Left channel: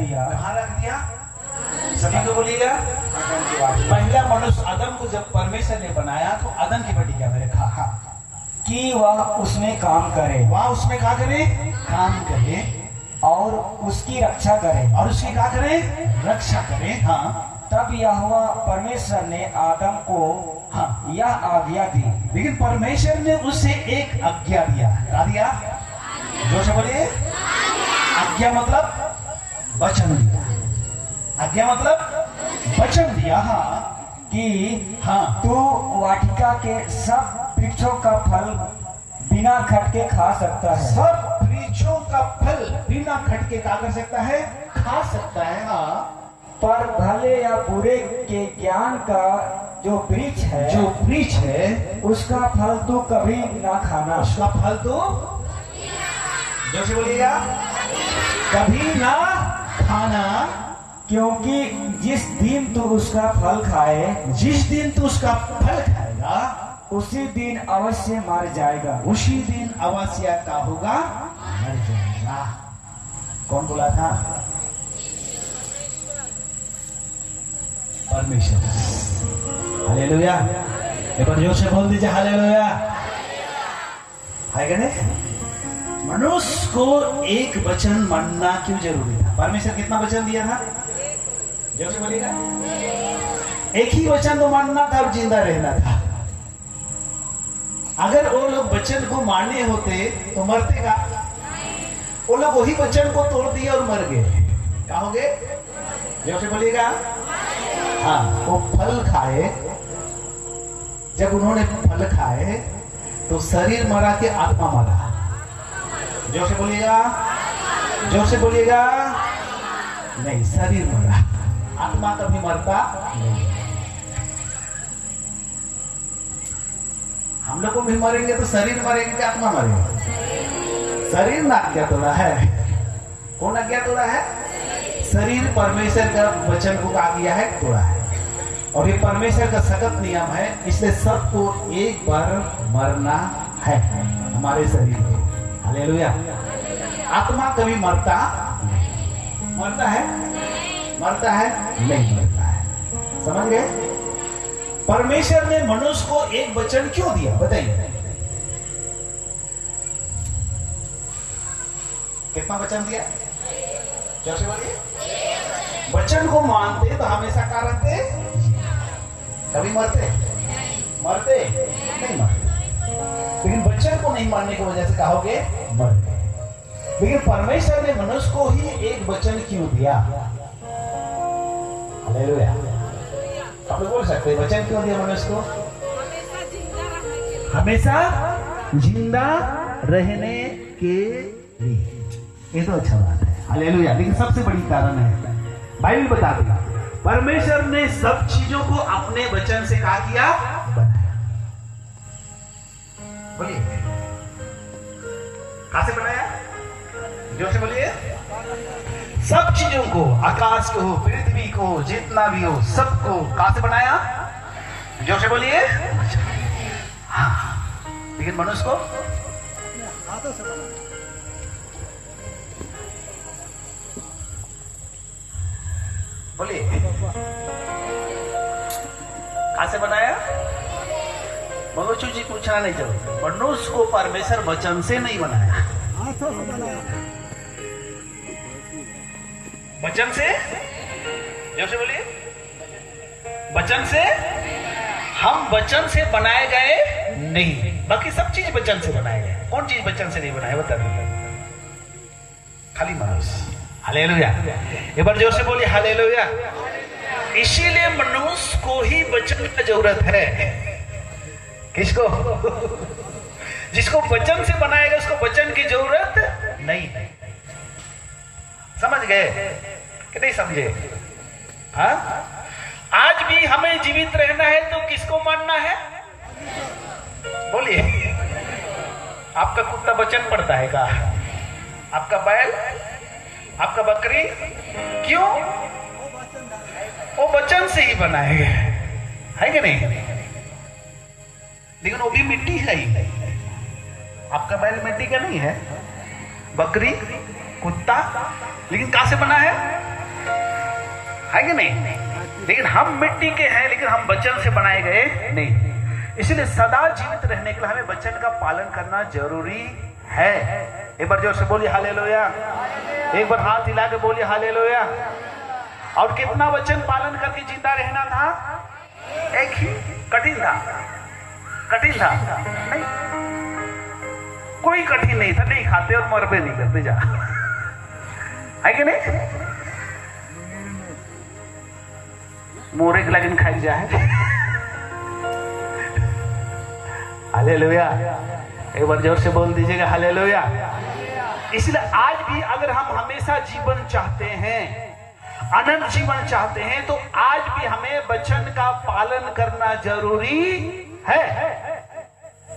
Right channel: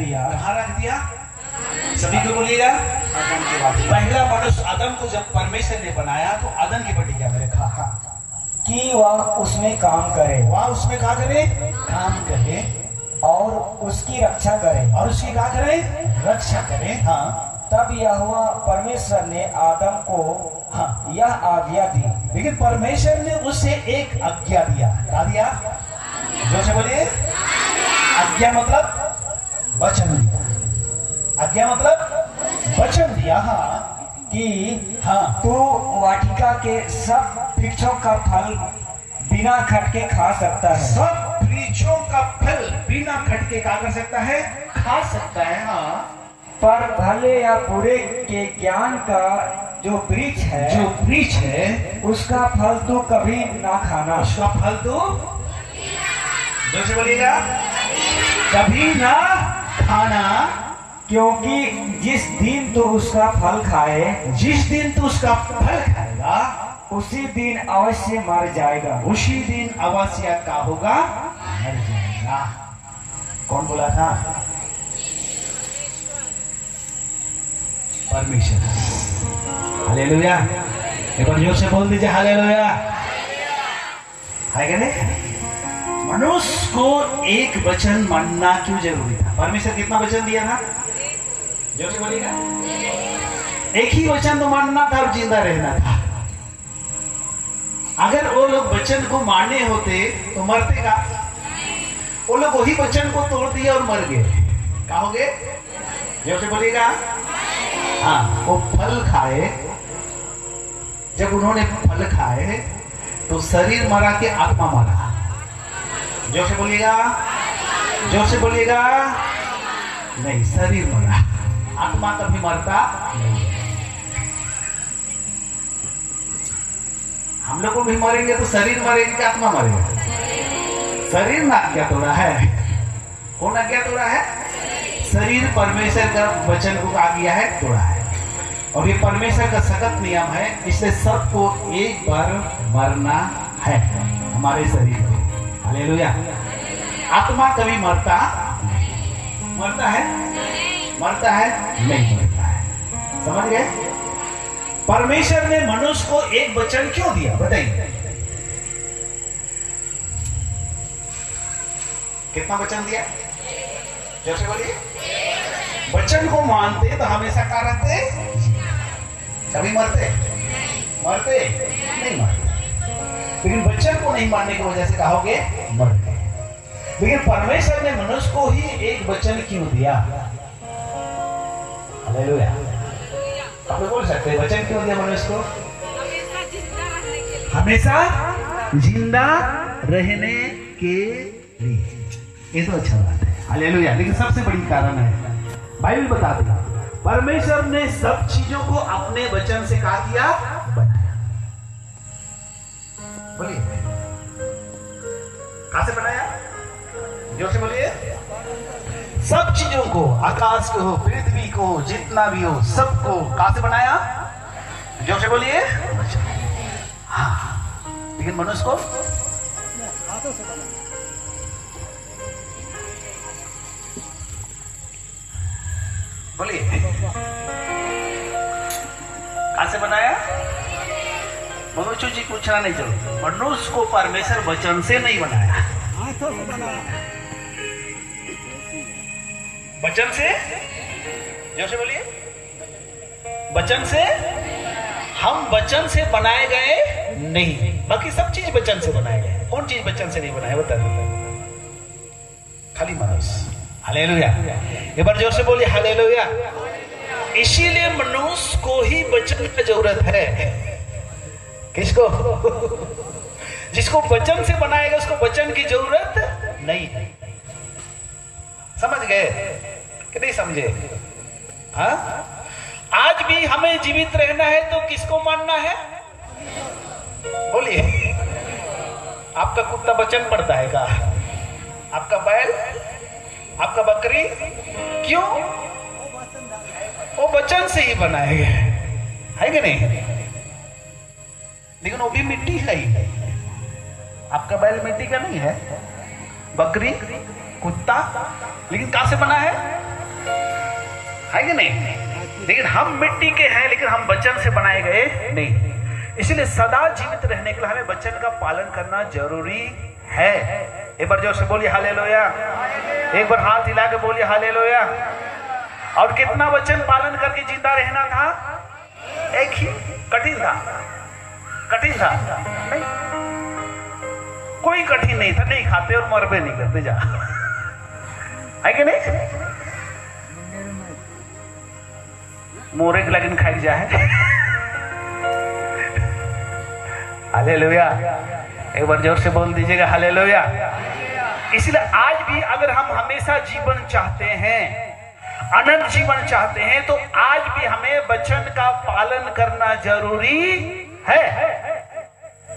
दिया? कहाँ रख दिया? सभी को बोलिएगा। पहला मनुष्य आदम को जब परमेश्वर ने बनाया तो आदम की प्रतिज्ञा में रखा कि वह उसमें काम करे, वह उसमें क्या करे? काम करे और उसकी रक्षा करे, और उसकी क्या करे? रक्षा करे। हाँ, तब यहोवा परमेश्वर ने आदम को यह आज्ञा दी। लेकिन परमेश्वर ने उसे एक आज्ञा दिया। क्या दिया? जोर से बोलिए। आज्ञा मतलब वचन दिया। आज्ञा मतलब वचन दिया। हाँ, कि हाँ, तू वाटिका के सब वृक्षों का फल बिना खटके खा सकता है। सब वृक्षों का फल बिना खटके क्या कर सकता है? खा सकता है। हाँ, पर भले या बुरे के ज्ञान का जो वृक्ष है, उसका फल तू कभी ना खाना। उसका फल तो जोर से बोलिएगा, कभी ना खाना, क्योंकि जिस दिन तू उसका फल खाए, जिस दिन तू उसका फल खाएगा उसी दिन अवश्य मर जाएगा। उसी दिन अवश्य क्या होगा? मर जाएगा। कौन बोला था? परमेश्वर। हालेलुया। एक बार जोर से बोल दीजिए हालेलुया। है क्या नहीं? मनुष्य को एक वचन मानना क्यों जरूरी था? परमेश्वर कितना वचन दिया था? जोर से बोलिएगा। एक ही वचन तो मानना था और जिंदा रहना था। अगर वो लोग वचन को मानने होते तो मरते का? वो लोग वही वचन को तोड़ दिया और मर गए। क्या हो गए? जोर से बोलिएगा। हाँ, वो फल खाए। जब उन्होंने फल खाए तो शरीर मरा के आत्मा मरा। जोर से बोलिएगा, जोर से बोलिएगा। नहीं, शरीर मरा, आत्मा कभी मरता नहीं। हम लोग को भी मरेंगे तो शरीर मरेगा कि आत्मा मरेगा? शरीर ना आज्ञा तोड़ा है। कौन आज्ञा तोड़ा है? शरीर परमेश्वर का वचन को आज्ञा है, तोड़ा है। और ये परमेश्वर का सख्त नियम है, इसलिए सबको एक बार मरना है हमारे शरीर को। हालेलुया। आत्मा कभी मरता है? मरता है? नहीं मरता है। समझ गए? परमेश्वर ने मनुष्य को एक वचन क्यों दिया? बताइए, कितना वचन दिया? जैसे बोलिए। वचन को मानते तो हमेशा क्या रहते? कभी मरते नहीं मरते। लेकिन वचन को नहीं मानने की वजह से कहोगे मर गए। लेकिन परमेश्वर ने मनुष्य को ही एक वचन क्यों दिया? हालेलुया। आप लोग बोल सकते हैं वचन क्यों दिया मनुष्य को? हमेशा जिंदा रहने के लिए। ये तो अच्छा बात है। हालेलुया। लेकिन सबसे बड़ी कारण है, बाइबल बताती है, परमेश्वर ने सब चीजों को अपने वचन से क्या किया? बनाया। बोलिए, कहां से बनाया? जोर से बोलिए। सब चीजों को, आकाश को, पृथ्वी को, जितना भी हो, सबको कहां से बनाया? जोर से बोलिए। हाँ, लेकिन मनुष्य को हाथों से बनाया। बोलिए, कहां से बनाया? मनुष्य जी पूछना नहीं चाहिए। मनुष्य को परमेश्वर वचन से नहीं बनाया, हाथों से बनाया। वचन से? जैसे बोलिए, वचन से। हम वचन से बनाए गए नहीं, बाकी सब चीज वचन से बनाए गए। कौन चीज वचन से नहीं बनाया? बता दीजिए। खाली मनुष्य। हालेलुया। एक बार जोर से बोलिए हालेलुया। इसीलिए मनुष्य को ही वचन की जरूरत है। किसको? जिसको वचन से बनाएगा उसको वचन की जरूरत नहीं है। समझ गए कि नहीं समझे? हाँ, आज भी हमें जीवित रहना है तो किसको मानना है? बोलिए। आपका कुत्ता वचन पढ़ता है क्या? आपका बैल, आपका बकरी? क्यों? वो वचन से ही बनाए गए है कि नहीं? लेकिन वो भी मिट्टी है ही। आपका बैल मिट्टी का नहीं है, बकरी, कुत्ता, लेकिन कहां से बना है? है कि नहीं? लेकिन हम मिट्टी के हैं, लेकिन हम वचन से बनाए गए नहीं। इसलिए सदा जीवित रहने के लिए हमें वचन का पालन करना जरूरी है। एक बार जोर से बोलिए हालेलुया। एक बार हाथ हिला के बोलिए हालेलुया। और कितना वचन पालन करके जिंदा रहना था? एक ही। कठिन था? कठिन था? नहीं, कोई कठिन नहीं था। नहीं खाते और मरबे नहीं करते, जा है कि नहीं? मोरे के लगन खाई जाए। हालेलुया। एक बार जोर से बोल दीजिएगा हालेलुया। इसलिए आज भी अगर हम हमेशा जीवन चाहते हैं, अनंत जीवन चाहते हैं, तो आज भी हमें वचन का पालन करना जरूरी है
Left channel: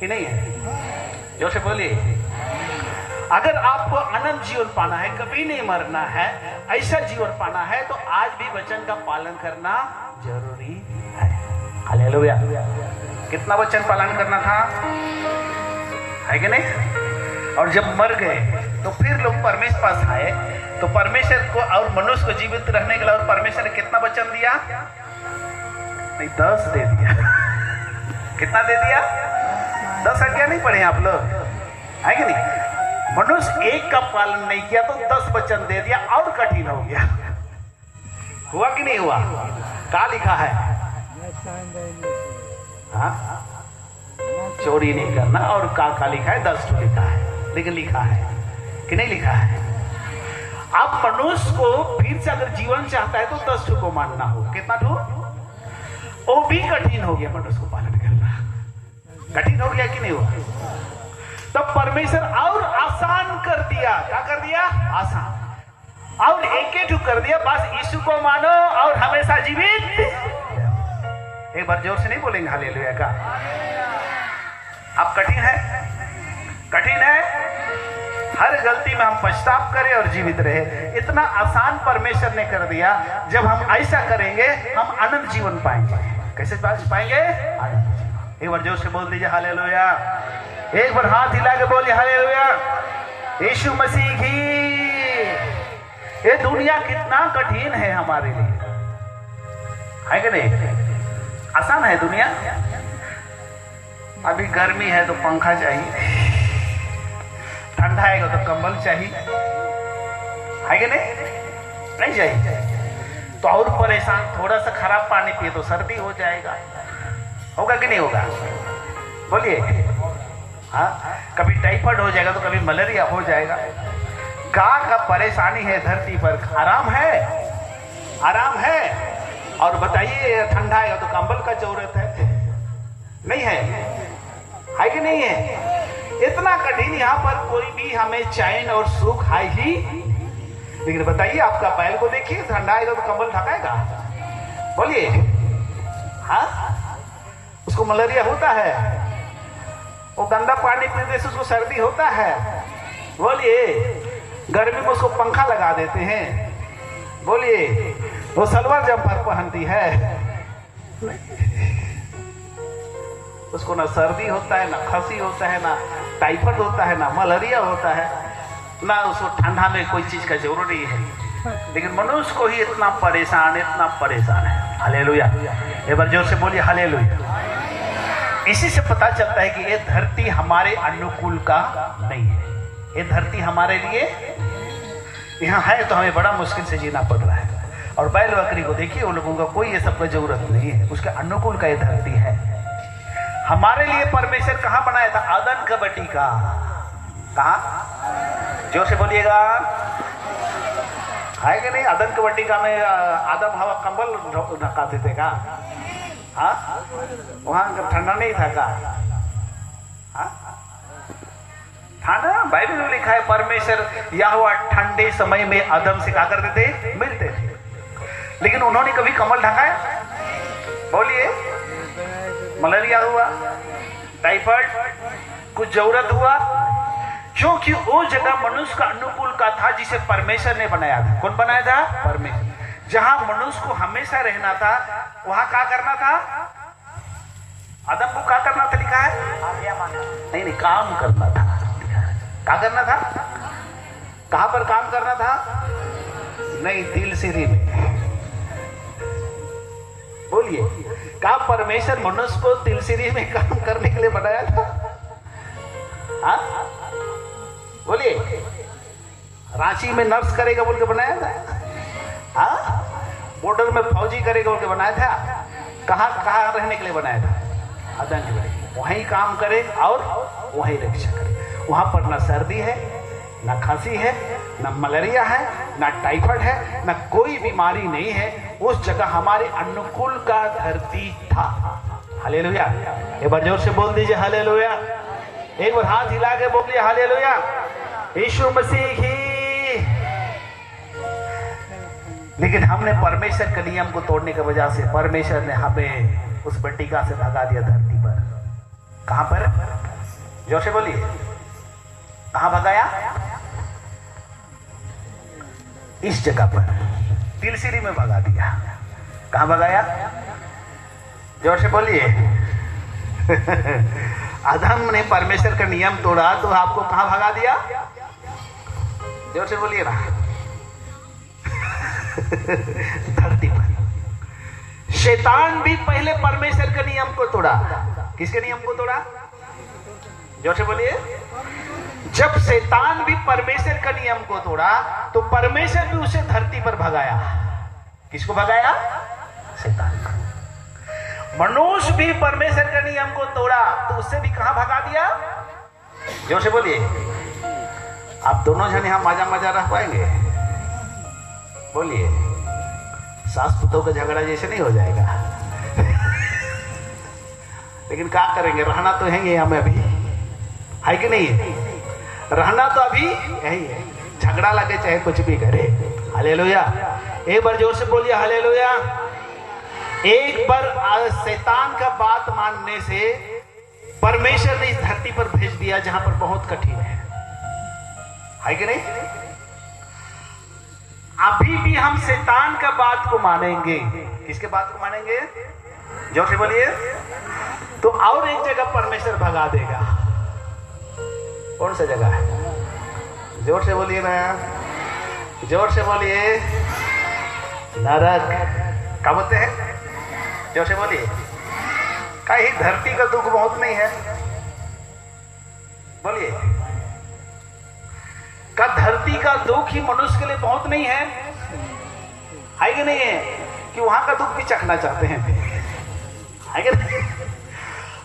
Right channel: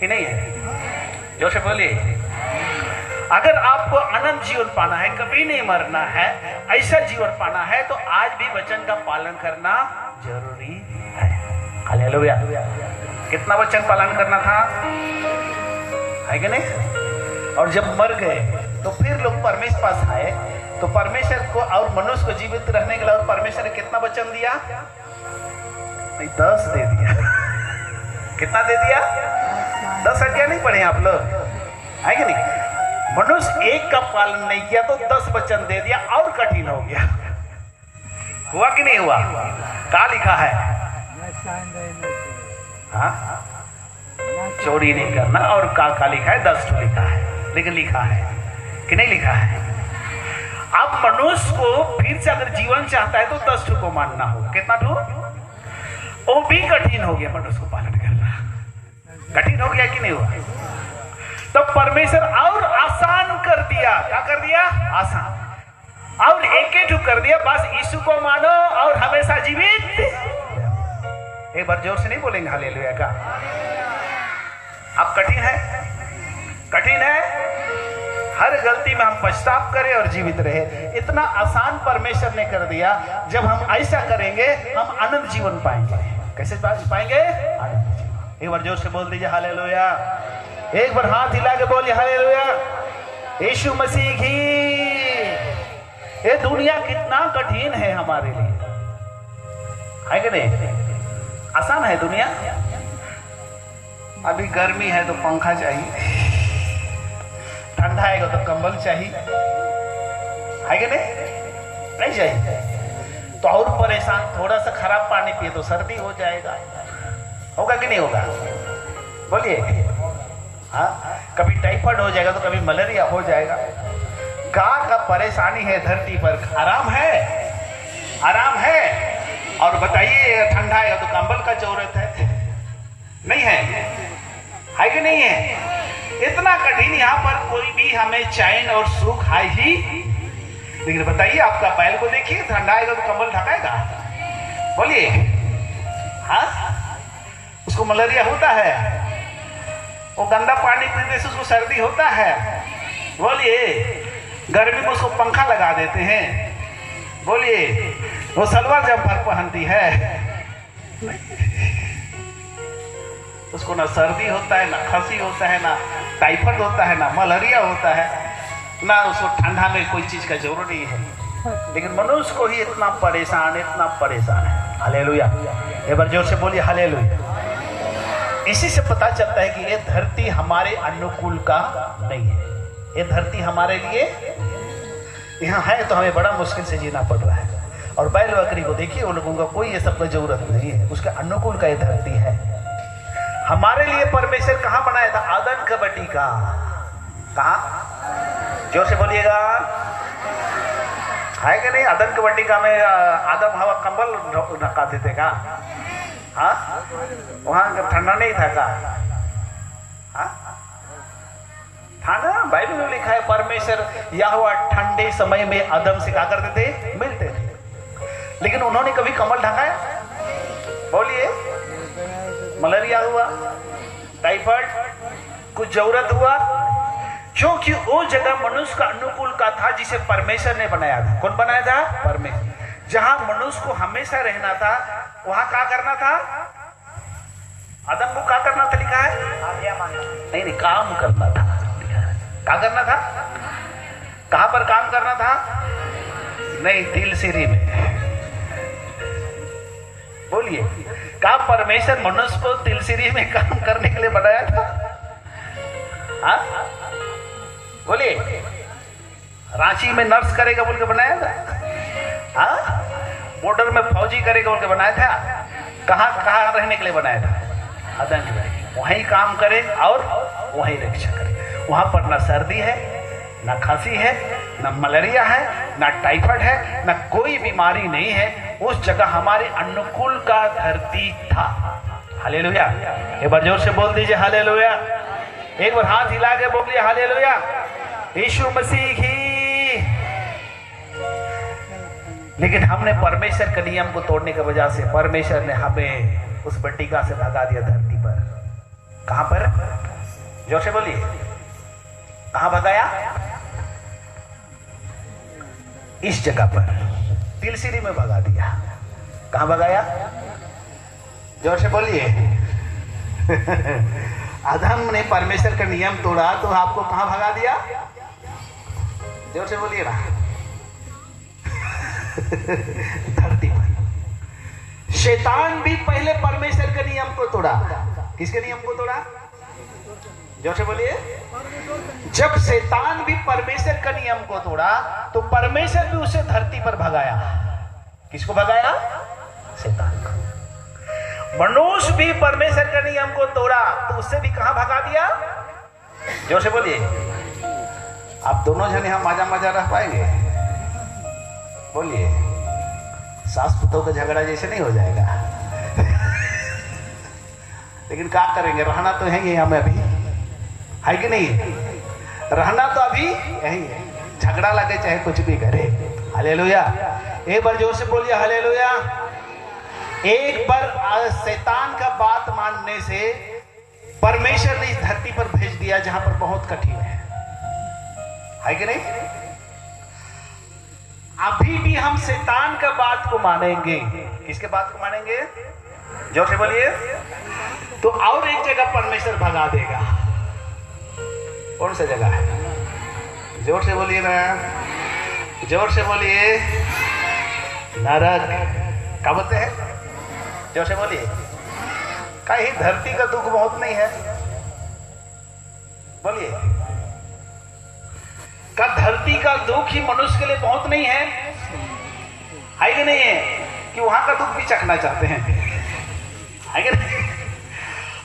कि नहीं है? जोर से बोलिए। अगर आपको अनंत जीवन पाना है, कभी नहीं मरना है, ऐसा जीवन पाना है, तो आज भी वचन का पालन करना जरूरी है। हालेलुया। कितना वचन पालन करना था? है कि नहीं? और जब मर गए तो फिर लोग परमेश्वर पास आए, तो परमेश्वर को और मनुष्य को जीवित रहने के लिए और परमेश्वर ने कितना वचन दिया? नहीं, 10 दे दिया। कितना दे दिया? 10 आज्ञा नहीं पढ़े आप लोग, है कि नहीं? मनुष्य एक का पालन नहीं किया तो 10 वचन दे दिया और कठिन हो गया। हुआ कि नहीं हुआ? क्या लिखा है? हाँ, चोरी नहीं करना, और का लिखा है? 10 लिखा है, लेकिन लिखा है कि नहीं लिखा है? अब मनुष्य को फिर से अगर जीवन चाहता है तो 10 को मानना होगा। कितना ठो? वो भी कठिन हो गया मनुष्य को पालन करना। कठिन हो गया कि नहीं हुआ? तब परमेश्वर और आसान कर दिया। क्या कर दिया? आसान। और एक कर दिया, बस यीशु को मानो और हमेशा जीवित। एक बार जोर से नहीं बोलेंगे हालेलुया का? अब कठिन है, कठिन है। हर गलती में हम पछतावा करें और जीवित रहे। इतना आसान परमेश्वर ने कर दिया। जब हम ऐसा करेंगे हम अनंत जीवन पाएंगे। कैसे पाएंगे? एक बार जोर से बोल दीजिए हालेलुया। एक बार हाथ हिला के बोलिए हालेलुया। यीशु मसीह की। ये दुनिया कितना कठिन है हमारे लिए, है कि नहीं? आसान है दुनिया? अभी गर्मी है तो पंखा चाहिए, ठंडा आएगा तो कंबल चाहिए, है कि नहीं? नहीं चाहिए तो और परेशान। थोड़ा सा खराब पानी पिए तो सर्दी हो जाएगा। होगा कि नहीं होगा? बोलिए। हाँ, कभी टाइफाइड हो जाएगा तो कभी मलेरिया हो जाएगा। का परेशानी है धरती पर। आराम है? आराम है। और बताइए, ठंडा है तो कंबल का जरूरत है, नहीं है कि नहीं है? इतना कठिन यहाँ पर कोई भी हमें चैन और सुख है ही। लेकिन बताइए, आपका पैर को देखिए, ठंडा आएगा तो कंबल ढकाएगा? बोलिए। हाँ, उसको मलेरिया होता है, वो गंदा पानी पीने से उसको सर्दी होता है। बोलिए। गर्मी में उसको पंखा लगा देते हैं। बोलिए। वो सलवार जम्पर पहनती है, उसको ना सर्दी होता है, ना खांसी होता है, ना टाइफाइड होता है, ना मलेरिया होता है, ना उसको ठंडा में कोई चीज का जरूरत नहीं है। लेकिन मनुष्य को ही इतना परेशान है। हालेलुया। एक बार जोर से बोलिए हालेलुया। इसी से पता चलता है कि ये धरती हमारे अनुकूल का नहीं है। ये धरती हमारे लिए यहाँ है तो हमें बड़ा मुश्किल से जीना पड़ रहा है। और बैल बकरी को देखिए, उन लोगों का कोई ये सब का जरूरत नहीं है, उसके अनुकूल का ये धरती है। हमारे लिए परमेश्वर कहाँ बनाया था? आदम का बटी का। कहाँ? जोर से बोलिएगा। है कि नहीं? आदम का बटी का में आदम हवा कंबल ढकाते थे का? हाँ, वहां ठंडा नहीं था का? ठंडा? बाइबल में लिखा है परमेश्वर यहोवा ठंडे समय में आदम से क्या करते थे? मिलते थे। लेकिन उन्होंने कभी कमल ढकाया? बोलिए। मलेरिया हुआ, टाइफाइड, कुछ जरूरत हुआ, क्योंकि वो जगह मनुष्य का अनुकूल का था जिसे परमेश्वर ने बनाया था। कौन बनाया था? परमेश्वर। जहां मनुष्य को हमेशा रहना था, वहां क्या करना था? आदम को क्या करना था? लिखा है नहीं, काम करना था। क्या करना था? कहां पर काम करना था? नहीं, दिल सीरी में। बोलिए, क्या परमेश्वर मनुष्य को तिलसिरी में काम करने के लिए बनाया था? हाँ बोलिए, रांची में नर्स करेगा बोल के बनाया था? हाँ, बॉर्डर में फौजी करेगा बोल के बनाया था? कहाँ कहाँ रहने के लिए बनाया था? आतंक, वहीं काम करे और वहीं रक्षा करे। वहां पर ना सर्दी है, ना खांसी है, ना मलेरिया है, ना टाइफाइड है, ना कोई बीमारी नहीं है। उस जगह हमारे अनुकूल का धरती था। हालेलुया, एक बार जोर से बोल दीजिए हालेलुया। एक बार हाथ हिला के बोलिए हालेलुया। यीशु मसीह की। लेकिन हमने परमेश्वर के नियम को तोड़ने की वजह से परमेश्वर ने हमें उस बट्टिका से भगा दिया धरती पर। कहां पर? जोर से बोलिए, कहां भगाया? इस जगह पर, तिलसिरी में भगा दिया। कहां भगाया? जोर से बोलिए। आदम ने परमेश्वर का नियम तोड़ा तो आपको कहां भगा दिया? जोर से बोलिए ना। धरती पर। शैतान भी पहले परमेश्वर के नियम को तोड़ा। किसके नियम को तोड़ा? जोर से बोलिए। जब शैतान भी परमेश्वर का नियम को तोड़ा तो परमेश्वर भी उसे धरती पर भगाया। किसको भगाया? शैतान को। मनुष्य भी परमेश्वर के नियम को तोड़ा तो उससे भी कहां भगा दिया? जोर से बोलिए। आप दोनों जन यहां मजा मजा रह पाएंगे? बोलिए। सास पुतों का झगड़ा जैसे नहीं हो जाएगा। लेकिन क्या करेंगे, रहना तो है ही हमें अभी, है कि नहीं? रहना तो अभी यही है, झगड़ा लगे चाहे कुछ भी करे। हालेलुया, एक बार जोर से बोलिए हालेलुया। एक बार शैतान का बात मानने से परमेश्वर ने इस धरती पर भेज दिया जहां पर बहुत कठिन है कि नहीं? अभी भी हम शैतान का बात को मानेंगे। किसके बात को मानेंगे? जोर से बोलिए। तो और एक जगह परमेश्वर भगा देगा। कौन सा जगह है? जोर से बोलिए ना, जोर से बोलिए। नरक। क्या बोलते हैं? जोर से बोलिए। कहीं धरती का दुख बहुत नहीं है? बोलिए। का धरती का दुख ही मनुष्य के लिए बहुत नहीं है? है कि नहीं है? कि वहां का दुख भी चखना चाहते हैं? है कि नहीं?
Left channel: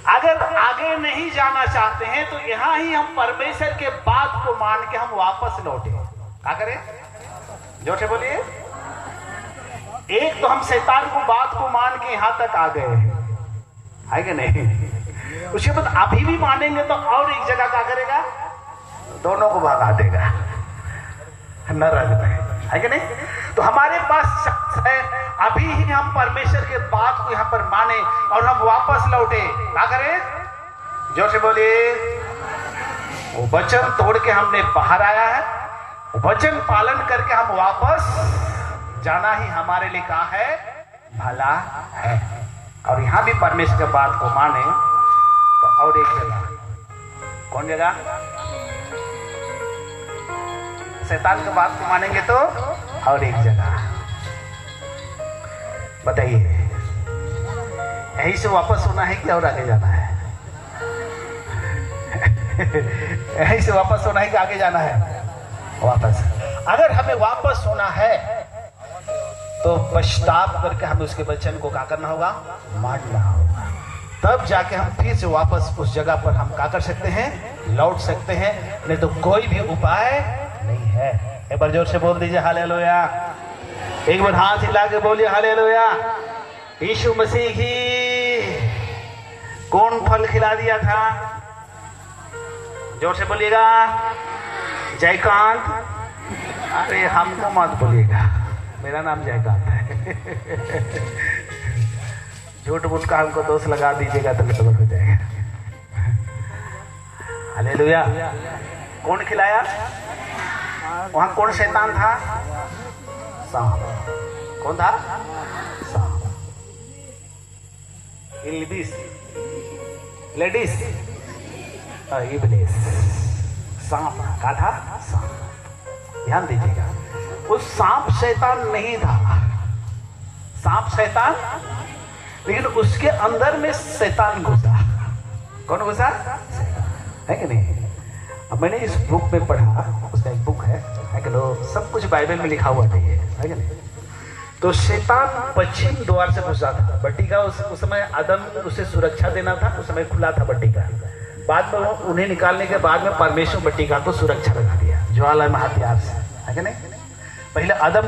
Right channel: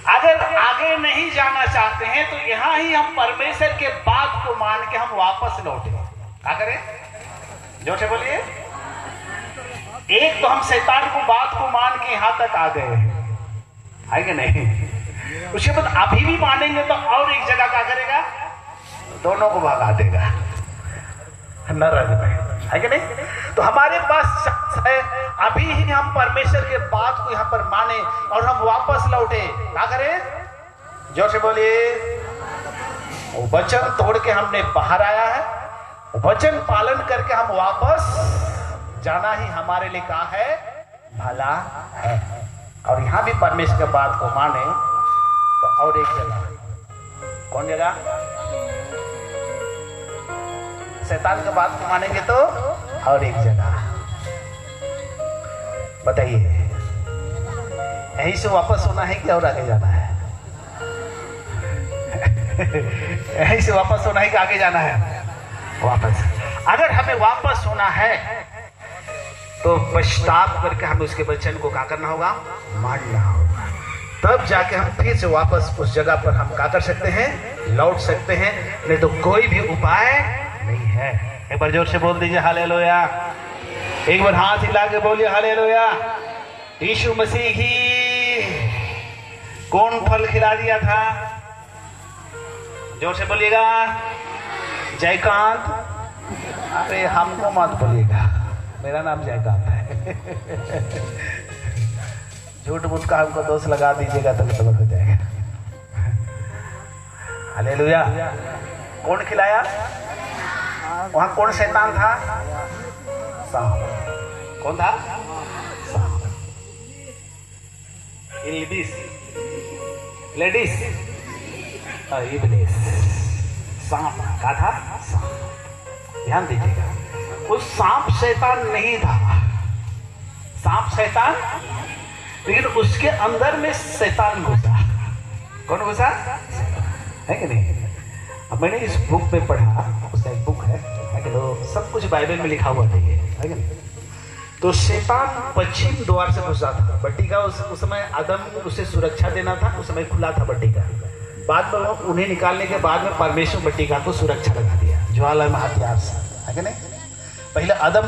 अगर आगे नहीं जाना चाहते हैं तो यहां ही हम परमेश्वर के बात को मान के हम वापस लौटे। क्या करें? जोर से बोलिए। एक तो हम शैतान को बात को मान के यहां तक आ गए, है कि नहीं? उसके बाद अभी भी मानेंगे तो और एक जगह क्या करेगा? दोनों को भगा देगा नरक में, है कि नहीं? तो हमारे पास शख्स है, अभी ही हम परमेश्वर के बात को यहाँ पर माने और हम वापस लौटे। क्या करें? जोर से बोलिए। वो वचन तोड़ के हमने बाहर आया है, वचन पालन करके हम वापस जाना ही हमारे लिए क्या है? भला है। और यहां भी परमेश्वर की बात को माने तो और एक जगह। कौन जगह? शैतान की बात को मानेंगे तो और एक जगह। बताइए, यहीं से वापस होना है कि और आगे जाना है? यहीं से वापस होना है कि आगे जाना है? वापस। अगर हमें वापस होना है तो पश्चाताप करके हमें उसके वचन को क्या करना होगा? मानना होगा। तब जाके हम फिर से वापस उस जगह पर हम क्या कर सकते हैं? लौट सकते हैं। नहीं तो कोई भी उपाय नहीं है। एक बार जोर से बोल दीजिए हालेलुया। एक बार हाथ हिला के बोलिए हालेलुया। यीशु मसीह की कौन फल खिला दिया था? जोर से बोलिएगा। जयकांत। अरे हमको मत बोलिएगा, मेरा नाम जयकांत है। झूठ मूठ का हमको दोष लगा दीजिएगा तो गलत हो जाएगा। हालेलुया। कौन खिलाया? वहां कौन शैतान था? सांप। कौन था? सांप। लेडीज इब्लीस। सांप का था? सांप। ध्यान दीजिएगा, उस सांप शैतान नहीं था। सांप शैतान लेकिन उसके अंदर में शैतान घुसा। कौन घुसा है कि नहीं? अब मैंने इस बुक में पढ़ा, उसका एक बुक है कि लो, सब कुछ बाइबल में लिखा हुआ नहीं है कि नहीं? तो शैतान पश्चिम द्वार से घुसा था बट्टी का। उस समय आदम उसे सुरक्षा देना था, उस समय खुला था बट्टी का। बाद में उन्हें निकालने के बाद में परमेश्वर बट्टी का को सुरक्षा लगा दिया ज्वाला में हथियार से, है कि नहीं? पहले आदम